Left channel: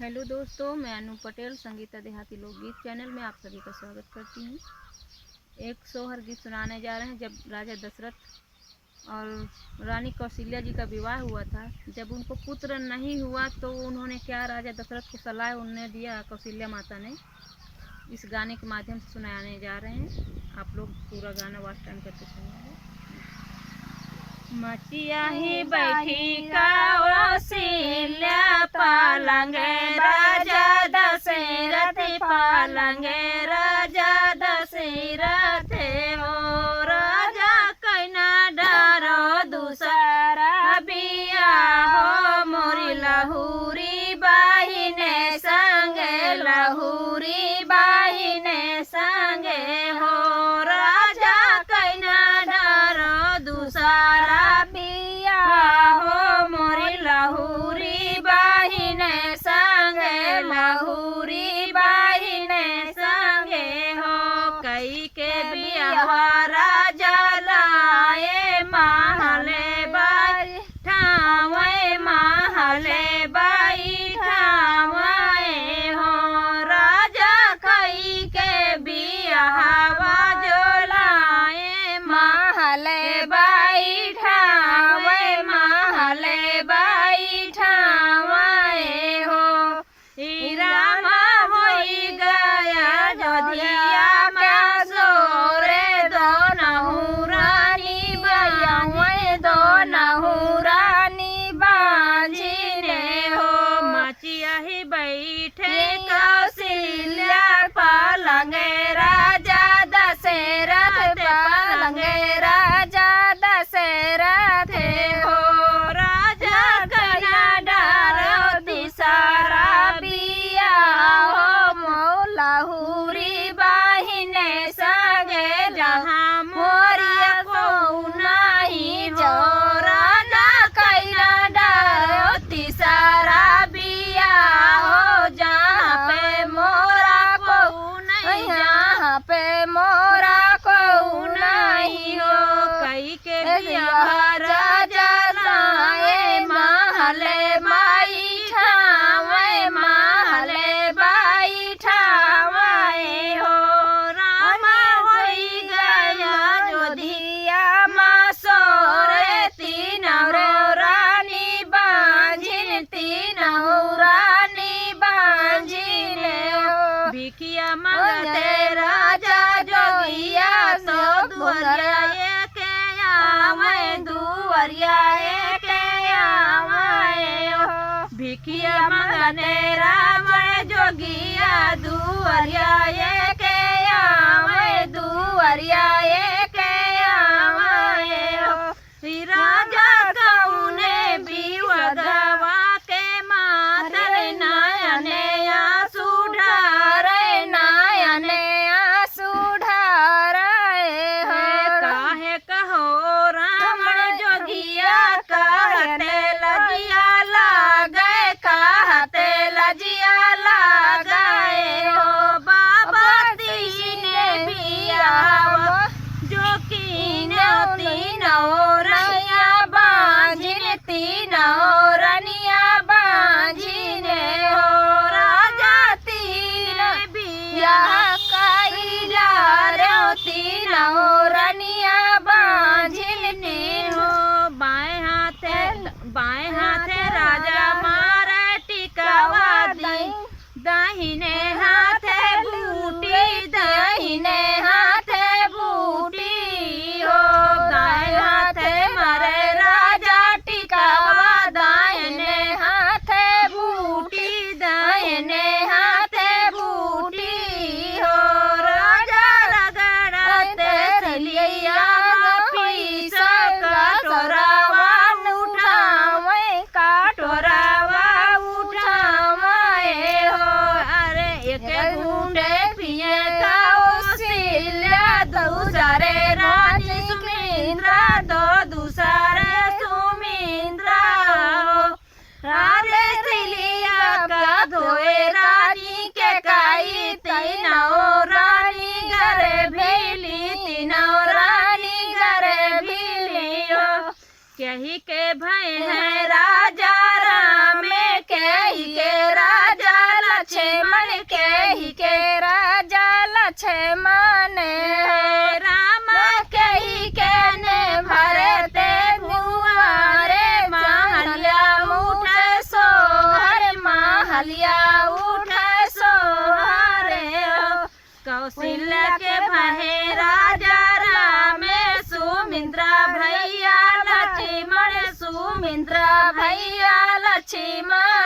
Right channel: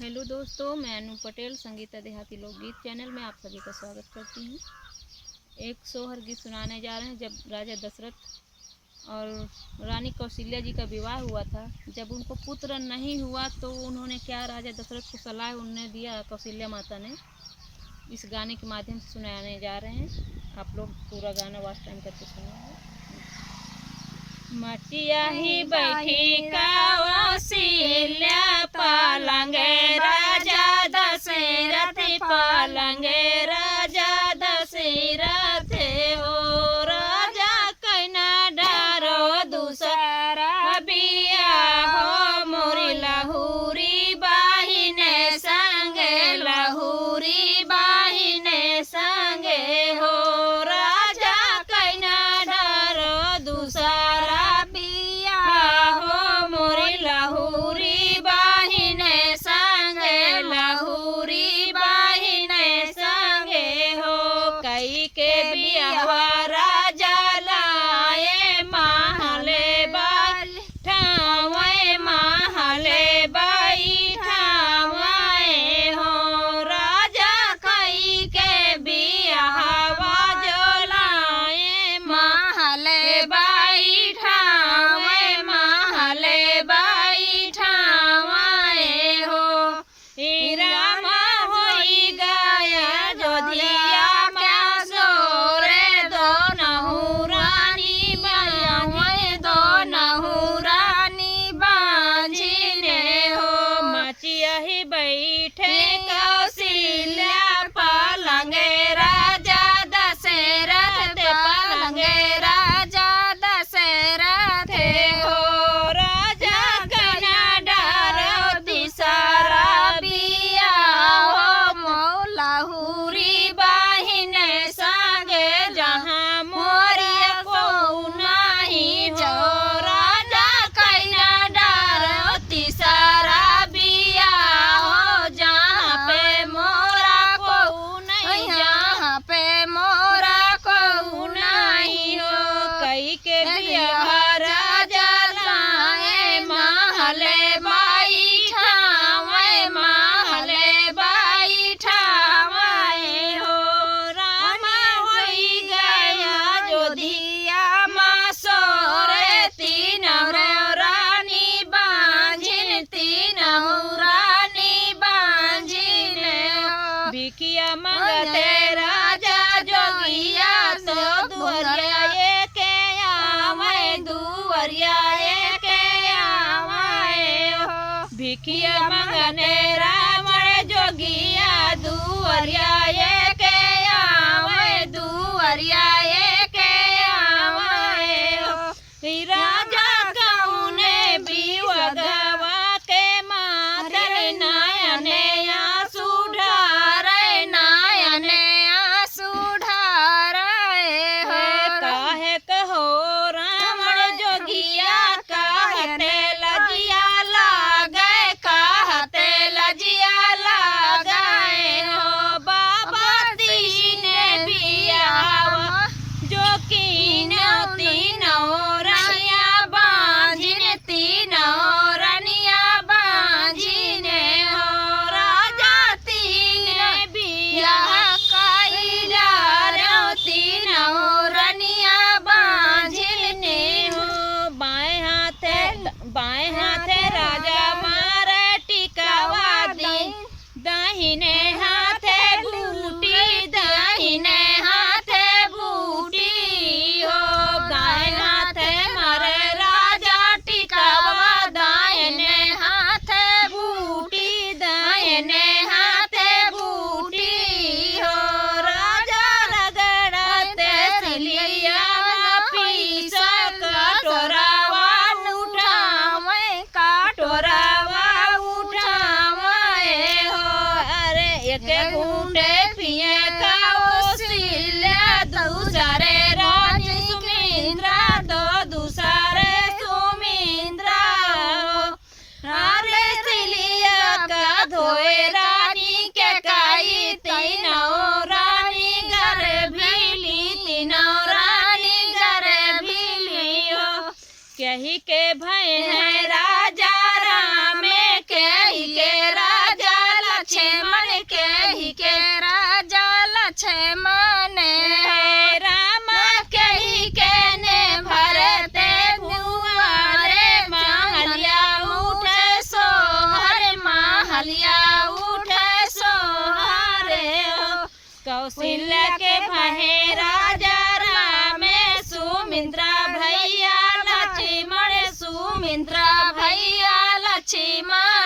Hello दोस्तों, मैं अनु पटेल संगीता देहाती लोकगीत चैनल में आप सभी का स्वागत करती हूँ। एक सोहर गीत सुनाने जा रहे हैं। जब राजा दशरथ और रानी कौशल्या जी का विवाह हुआ था, जब उनको पुत्र नहीं हुआ तो उन्होंने क्या राजा दशरथ को सलाह उन्होंने दिया, कौशल्या माता ने। इस गाने के माध्यम से सुनाने जा रहे हैं। आप लोग पूरा गाना वॉच टाइम करके सुनिएगा। मचिया ही बैठी कौशल्या पालंगे राजा दशरथ पालंगे राजा दशरथ हो। राजा कैना डरो दूसरा बिया हो, मोरी लहुरी बाहिने संगे लहुरी बाहिने संगे हो। राजा कैना डरो दूसरा बिया हो, मोरी लहुरी बाहिने संगे लहुरी बाहिने संगे हो। कई के बिया राजा लाए महले बैठावे महले बैठावे हो। राजा कई के बिया जो लाए महले बैठावे महले बैठावे हो। रामा होई गया जोधिया का सोरे दो नहुरानी बाई दो नहुरानी बांझिने हो। मचिया ही बैठे कौशल्या पालंगे राजा दशरथ पालंगे राजा दशरथ हो। राजा गया डालो दूसरा बिया हो, मौलाहुरी बाहिने संगे जहाँ मोरिया को नहीं जोरा ना कैना डालो तीसरा बिया हो। जहाँ पे मोरा को यहाँ पे मोरा को नहीं हो। कई के बिया राजा लाए महले बैठावे महले बैठावे हो। रामा होई गया जोधिया माँ सोरे तीनों रानी बांझिन तीनों रानी बांझिन हो। भिखिया मंगते राजा जोगिया तो दुहरिया के आवे दुहरिया के आवे हो। भिखिया मंगते राम जोगिया दुहरिया के आवे दुहरिया के आवे हो। राजा कौने विवधवा के मारे नयने आंसू ढारे नयने आंसू ढारे हो। काहे कहो राम जोगिया कहते लजिया लागे कहते लजिया लागे हो। बाबा तीने बिया जो कीनो तीनों रनिया बांझिन तीनों रनिया बांझिन हो। राजा तीन बिया कैला रो तीनों रनिया बांझिन तीनों। बाएं हाथे राजा मारे टिकावा दाहिने हाथे बूटी दाहिने हाथे बूटी हो। दाएं हाथे मारे राजा टिकावा दाहिने हाथे बूटी दाहिने हाथे बूटी हो। राजा रगड़ते रलिया फीसा कटोरावा उठावे कटोरावा उठावे हो। अरे महलिया उठाए सोहरे हो। कौशल्या के भहे राजा राम सुमिंद्रा भैया लक्ष्मण सुमिंद्रा भैया लक्ष्मण